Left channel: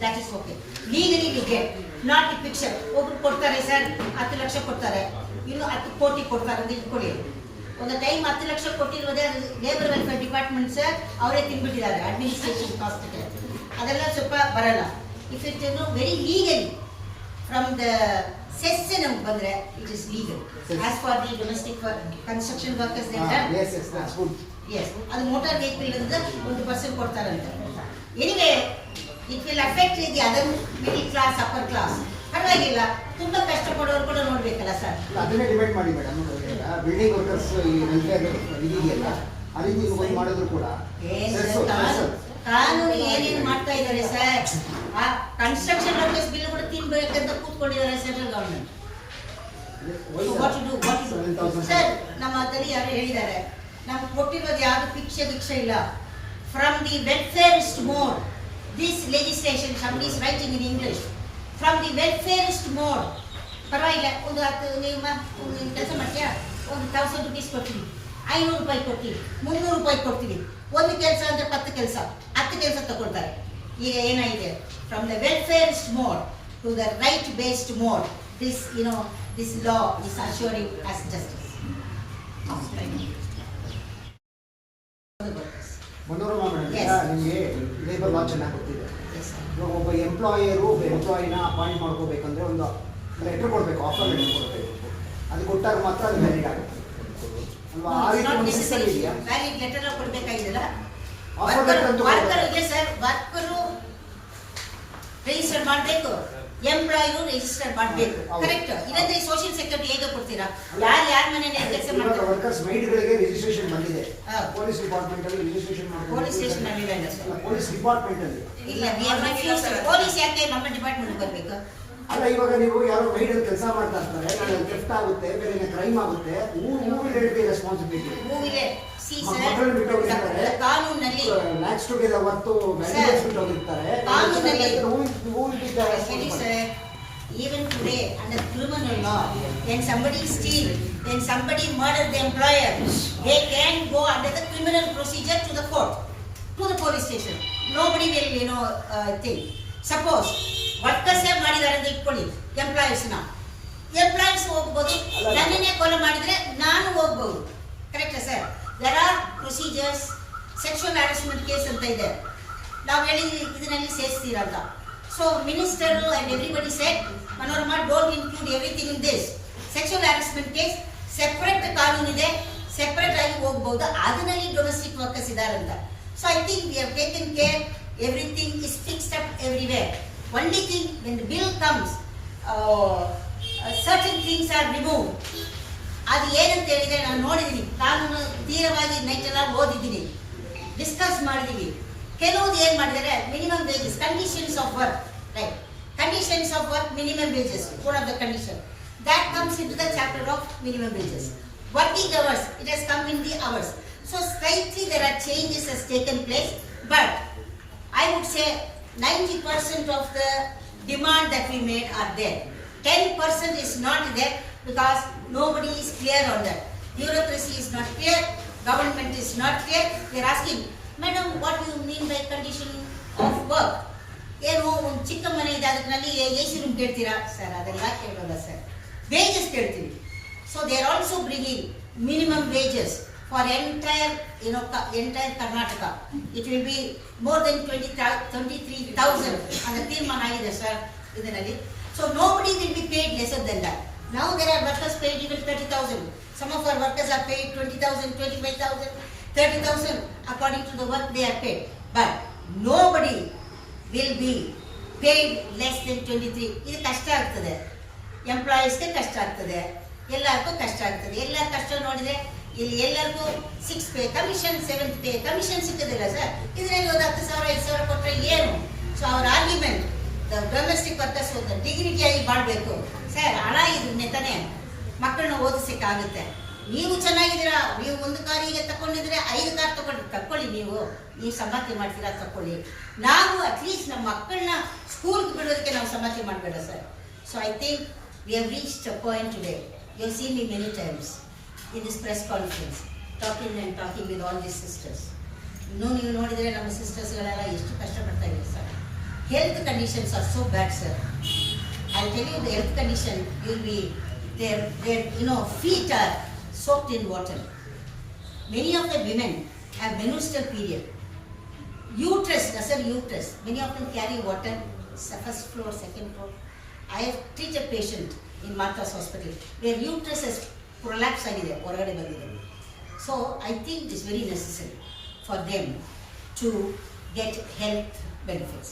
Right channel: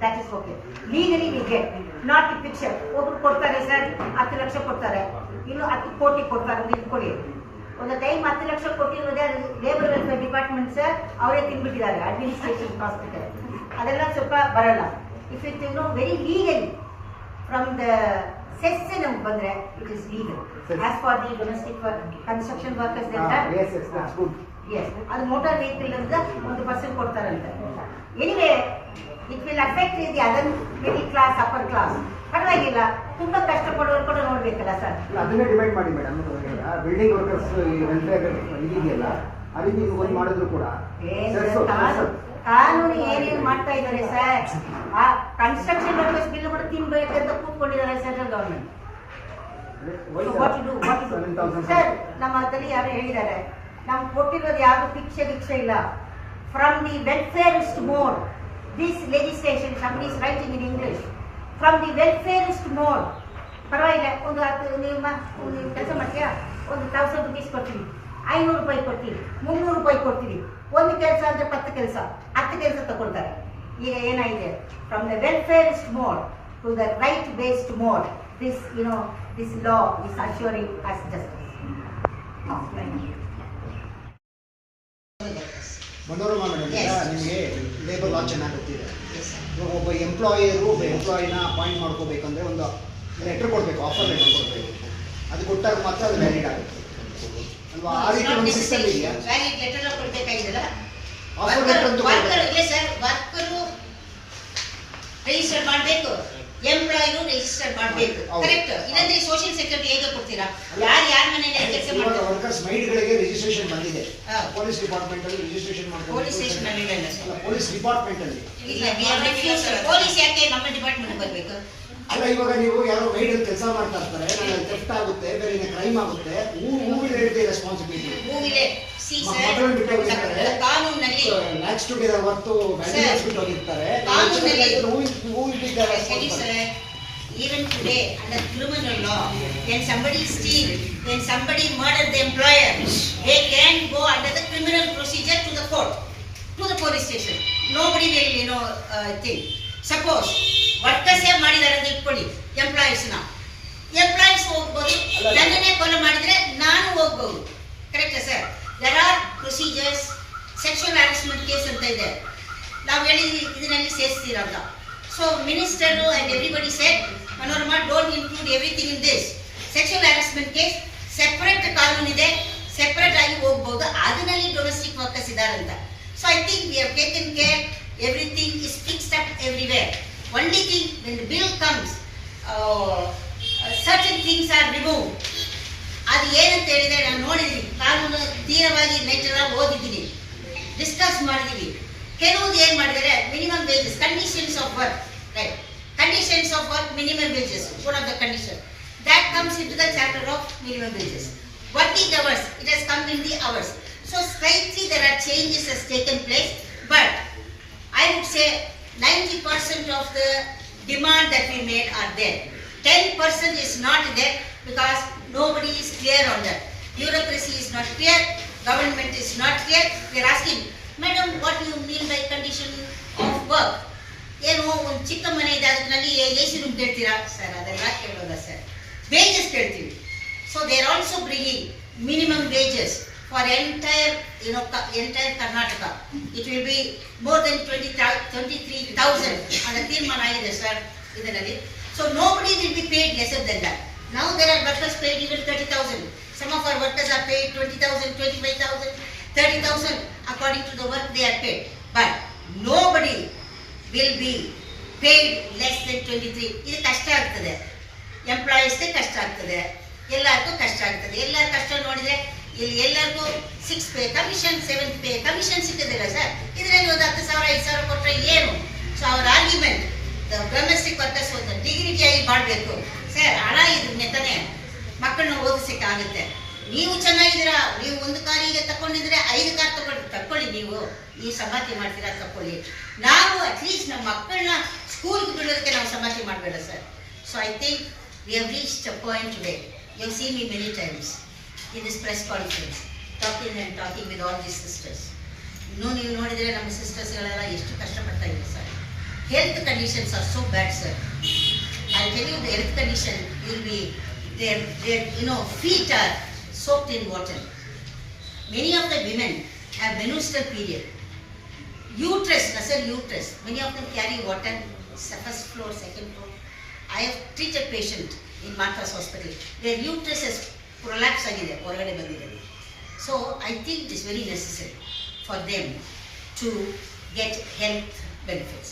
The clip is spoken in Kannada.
that is okay. Legally we get, not the picture. ಒಬ್ರು ಕೊಡ್ತಾರೆ ಸರ್ 10 ಲಕ್ಷ ಕೊಡ್ತಾರೆ, ಇನ್ನು 10 ಕೋಟಿ ಕೊಡ್ತಾರೆ ಅಂತ ಇಟ್ಕೊಳ್ಳಿ. ಒಂದು ಟೈಮ್ 10 ಲಕ್ಷ ಕೊಟ್ಟಿರೋದೇ ಲೇಬರ್ ವೆಲ್ಫೇರ್ ಡಿಪಾರ್ಟ್ಮೆಂಟ್ ಸರ್ ಅವರೇ ತಿನ್ಬಿಟ್ಟಿದ್ದಾರೆ ಅಡ್ಮಿನಿಸ್ಟ್ರೇಷನ್ ಕಾಸ್ಟ್ಗೆ. ಅದೆಲ್ಲ ಸ್ವಲ್ಪ ಬರಲ್ಲ. If it no very legally from the cess ನಮ್ಗೆ ಬಂದರೆ it is legal. As for the domestic construction workers yes ಅದು ಮೋಟಾರ್ ವೆಹಿಕಲ್ ಅಂತ 1% ಕೊಡ್ತಾರಂತೆ. Anyway it will affect the other middle class upper class. ಪರವಾಗಿಲ್ಲ, ತುಂಬ ಕಷ್ಟಪಡೋರು ಕೂಡ ನೋಡ್ಬೇಕಲ್ಲ ಸರ್. ಅದನ್ನೇ ಡಿಪೆಂಡ್ ಮಾಡಿ ಮೇಡಮ್. ಬಿಲ್ಡಿಂಗ್ ವರ್ಕರ್ಸ್ ಈ ವೆಲ್ಫೇರ್ ಇದೆಯಲ್ಲ ಆ ರೀತಿ ಒಂದು ಮಾಡಿದ್ರು ಕೂಡ ಕಾನೂನು ಏನೇನು ಮಾಡ್ತಾ ಇದ್ದಾರೆ ಸರ್. ಆ ಕನ್ಸ್ಟ್ರಕ್ಷನ್ ವರ್ಕರ್ಸ್ ಬಿಲ್ ಕೂಡ ತಿನ್ಬೇಕಂತ ಕೂತ್ಕೊಂಡಿದ್ದಾರೆ ಸೆಂಟ್ರಲ್ ಗವರ್ಮೆಂಟ್. ಸರ್ ನಮ್ಮ ಹತ್ರ ಯಾರು ಹೇಳಿದ್ದಾರೆ, ನಮ್ಗೆ ಕೊಟ್ಟಿರೋದು ಯಾವುದು ಭಿಕ್ಷೆ ಇಲ್ಲ. From the welfarist mode this legislation somebody is writing in English. From the welfarist mode ಪರವಾಗಿಲ್ಲ. ಒಂದು ಕೆಲಸ ಮಾಡ್ತೀಯಾ, ಒಂದು 1000 rupees ಕೊಡ್ತೀವಿ, 500 ರೂಪಾಯಿ ಕೊಡ್ತೀವಿ, 300 ರೂಪಾಯಿ ಕೊಡ್ತೀವಿ. ಒಂದು ಕೆಲಸ ಅಂದರೆ 10 ಕೆಲಸ ತಗೊಳ್ತಾರೆ. ಈಗ ಏನಾಗಿದೆ, from the welfarist mode to the right based mode, this law is assuring us justice. Manorama madam, ನಿಮಗೆ ಲೇಬರ್ ಲಾ ಚೆನ್ನಾಗಿ ಗೊತ್ತಿದೆ. ಒಬ್ಬ ಎಂಪ್ಲಾಯರು ಒಬ್ಬ ಎಂಪ್ಲಾಯಿನ ಅಪಾಯಿಂಟ್ ಮಾಡ್ಕೋಬೇಕಂದ್ರೆ ಒಂದು ಲೆಟರ್ ಕೊಡಬೇಕು, ಆಫರ್ ಲೆಟರ್ ಕೊಡಬೇಕು. ಅದು ಕೊಟ್ಟಾಗ ಮಾತ್ರ ಅದು ವ್ಯಾಲಿಡ್ ಆಗುತ್ತೆ ಅಲ್ವಾ? ಆ ರೀತಿ ಒಂದು ಸಿಸ್ಟಮ್ ಇದೆಯಾ? ವ್ಯಾಲಿಡ್ ಲೆಟರ್ ಕೊಡಬೇಕಾಗಿದೆಯಲ್ಲ. ಆಫರ್ ಲೆಟರ್ ಅಂತ ವರ್ಕರು ರಿಜಿಸ್ಟರ್ ಮಾಡಬೇಕು, ಎಂಪ್ಲಾಯಿನು ರಿಜಿಸ್ಟರ್ ಮಾಡಬೇಕು. ಕರೆಕ್ಟ್. ಇಲ್ಲಂದ್ರೆ ಸೋಷಿಯಲ್ ಸೆಕ್ಯೂರಿಟಿ ಹೇಗೆ ಕೊಡ್ತೀರಾ? ಯಾರ ಮನೆಯಲ್ಲಿ ಕೆಲಸ ಮಾಡ್ತಾರೆ? ವರ್ಕರ್ಸ್ ಮೈಡ್ಗಳಿಗೆ ರಿಜಿಸ್ಟ್ರೇಷನ್ ಬಂದಿದೆ. ಪೊಲೀಸ್ ಡಿಪಾರ್ಟ್ಮೆಂಟ್ ಅಲ್ಲಿ ರಿಜಿಸ್ಟ್ರೇಷನ್ ಮಾಡಬೇಕು. ಪೊಲೀಸ್ ಸ್ಟೇಷನ್ ಅಲ್ಲಿ ಇಲ್ಲ ಸರ್. ಪೊಲೀಸ್ ಡಿಪಾರ್ಟ್ಮೆಂಟ್ ಅಲ್ಲಿ ಇಲ್ಲ. We are refuse. ಪೊಲೀಸ್ ಯಾಕೆ ನಮ್ಮ ಡಿಪಾರ್ಟ್ಮೆಂಟ್ ಬರಬೇಕು? ಅಲ್ಲ, ಇವಾಗ ನೀವು ಯಾರೋ ಮೈಡ್ ಅಲ್ಲಿ ಕೆಲಸ ಮಾಡ್ತಾ ಇರ್ತಾರೆ, ಥೆಫ್ಟ್ ಆಗುತ್ತೆ, ಬೇರೆ ಕ್ರೈಮ್ ಆಗುತ್ತೆ, who will take the responsibility? Who will ಕಾನೂನಲ್ಲಿ ಲ್ಯಾಕ್ಸ್ ಟುಗೆದರ್ ವರ್ತು ವ್ಯಾಲ್ಯೂಸ್ ಬಿಟ್ಟು ಹೋಗಿರ್ತಾರೆ. Even today under criminal law, when somebody steal, when somebody murder the employer, they can go under the criminal procedure to the court, to the police station. Nobody will think. Suppose workers have ಮಾಡಿದ್ದಾರೆ ಅಂತ ಇಟ್ಕೊಳ್ಳಿ, ಎಂಪ್ಲಾಯೀಸ್ ಹೋಗ್ಬೋದು, ನನ್ನನ್ನೇ ಕೊಲೆ ಮಾಡಿದ್ರೆ ನಾನು ಹೋಗ್ಬೋದು. ಕರೆಕ್ಟಾ sir? there are procedures. sexual harassment case ಅಂತ ಇದೆ, ನಾವು ಹೇಳಿದ್ವಿ ಇದರಲ್ಲಿ ಸೇರಿಸ್ತೀರಾ ಅಂತ. So minister and everybody said, Manorama, don't include everything in this. sexual harassment case separate ಕಾನೂನು ಇದೆ, ಸೆಪರೇಟ್ ಆಗಿ ಹೋಗ್ಬೋದು. ಅದರಲ್ಲಿ ಡೊಮೆಸ್ಟಿಕ್ ವರ್ಕರ್ಸ್ ಇದ್ದಾರೆ ಅಂತ. So I think we have taken care, everything is fixed up everywhere. Only thing, when the bill comes, certain things are removed. ಅದು ಏನಂತ ಹೇಳಿದ್ರೆ, ನಾನು ನೋಡಿದ್ದೀನಿ, ಕಾನೂನು ತೀರವಾಗಿ ನೈಟೆಲ್ಲ ಓದಿದ್ದೀನಿ, ಡಿಸ್ಕಸ್ ಮಾಡಿದ್ದೀವಿ. ಕೆಲವೊಂದು ಏನು ಮಾಡಿದ್ದಾರೆ, minimum wages, conditions of work, right? Conditions of work, minimum wages, one of the condition that comes into the chapter of minimum wages. Working hours, it has come in the hours. So slightly there are changes has taken place, but I would say 90% of the demand that we made are there. 10% is not there because nobody is clear on that. Bureaucracy is not clear, government is not clear. They are asking, madam, what do you mean by condition of work? ಏನು ಒಂದು ಚಿಕ್ಕ ಮನೆ ಇದೆ, ಅದರಲ್ಲಿ AC ರೂಮ್ ಕೇಳ್ತೀರಾ ಸರ್? ಅದೆಲ್ಲ ಕೇಳೋಲ್ಲ ಸರ್, ವೇಜಸ್ ಕೇಳ್ತೀವಿ. So they are also bringing minimum wages for entire Karnataka. It will be more than 23,000 ಅಂತ ತೀರ್ಮಾನ ಆಗಿದೆ ಸರ್ ಇದರಲ್ಲಿ. So nobody will be paid lesser than that. Now there are workers paid even 30,000. Some of our workers are paid 20,000, 25,000, 30,000 according to the work they are paid. But nobody will be paid less than 23. ಇದು ಕಷ್ಟ ಆಗ್ತದೆ, ಎಂಪ್ಲಾಯೀಸ್ಗೆ ಕಷ್ಟ ಆಗ್ತದೆ, ಎಲ್ಲರಿಗೂ ಕಷ್ಟ ಆಗ್ತದೆ. ಎಲ್ಲರ ಕಷ್ಟ ನೋಡಿದರೆ ಇಲ್ಲಿ ಎಲ್ಲರಿಗೂ 6 pay commission, 7th pay commission ಸಿಗ್ತದಿಲ್ಲ ಸರ್. ಇದರಲ್ಲಿ ಒಂದು 10,000 5,000 ಕೊಟ್ಟರೆ ಏನು? ಸೊ ಅವರ ಆರ್ಗ್ಯುಮೆಂಟ್, ದ ಡೊಮೆಸ್ಟಿಕ್ ವರ್ಕರ್ಸ್ ಒಂದು ಡಿಗ್ನಿಟಿಯಾಗಿ ಮಾಡಬೇಕು ಸರ್. ಹಣ ಇದ್ರೆ ತಾನೇ ಮಕ್ಕಳನ್ನ ಓದಿಸೋಕ್ಕಾಗುತ್ತೆ. ನೀವು ಚೆನ್ನಾಗಿದ್ದೀರಾ, ನೀವು ಒಂದು ಕಾರ್ ಈಗ ತಗೊಂಡಿದ್ರೆ 5 ಕಾರ್ ತಗೊಳ್ಳಿ, ನೀವು ಸಂಪಾದನೆ ಮಾಡ್ತೀರಾ ತಗೊಳ್ಳಿ. ನಾವು ಅಟ್ಲೀಸ್ಟ್ ನಮ್ಮ ಮಕ್ಕಳನ್ನ ಸ್ಕೂಲ್ಗೆ ಬಿಡೋದಕ್ಕೆ ನಾವು ಸಂಪಾದನೆ ಮಾಡಬೇಡ sir. So I think we have reached a point today. You have seen me many times in this press conference talking with all these sisters. ನೀವು ನೋಡಿದರೆ ನಮ್ಮ ಸಿಸ್ಟರ್ಸ್ಗಳೆಲ್ಲ ಎಷ್ಟು ಕಷ್ಟಪಡ್ತಾ ಇದ್ದಾರೆ sir. health conditions are so bad, sir. I'll tell you the health condition, you'll be, their feet are soaked in water. Many of the women have menstrual period. Uterus, nasal uterus, many of them carry water, first floor, second floor. I have treated patient in Martha's hospital. Their uterus has prolapse agide, ಹೊರಗಡೆ ಬಂದಿದೆ. So I think it is very necessary for them to get health benefits.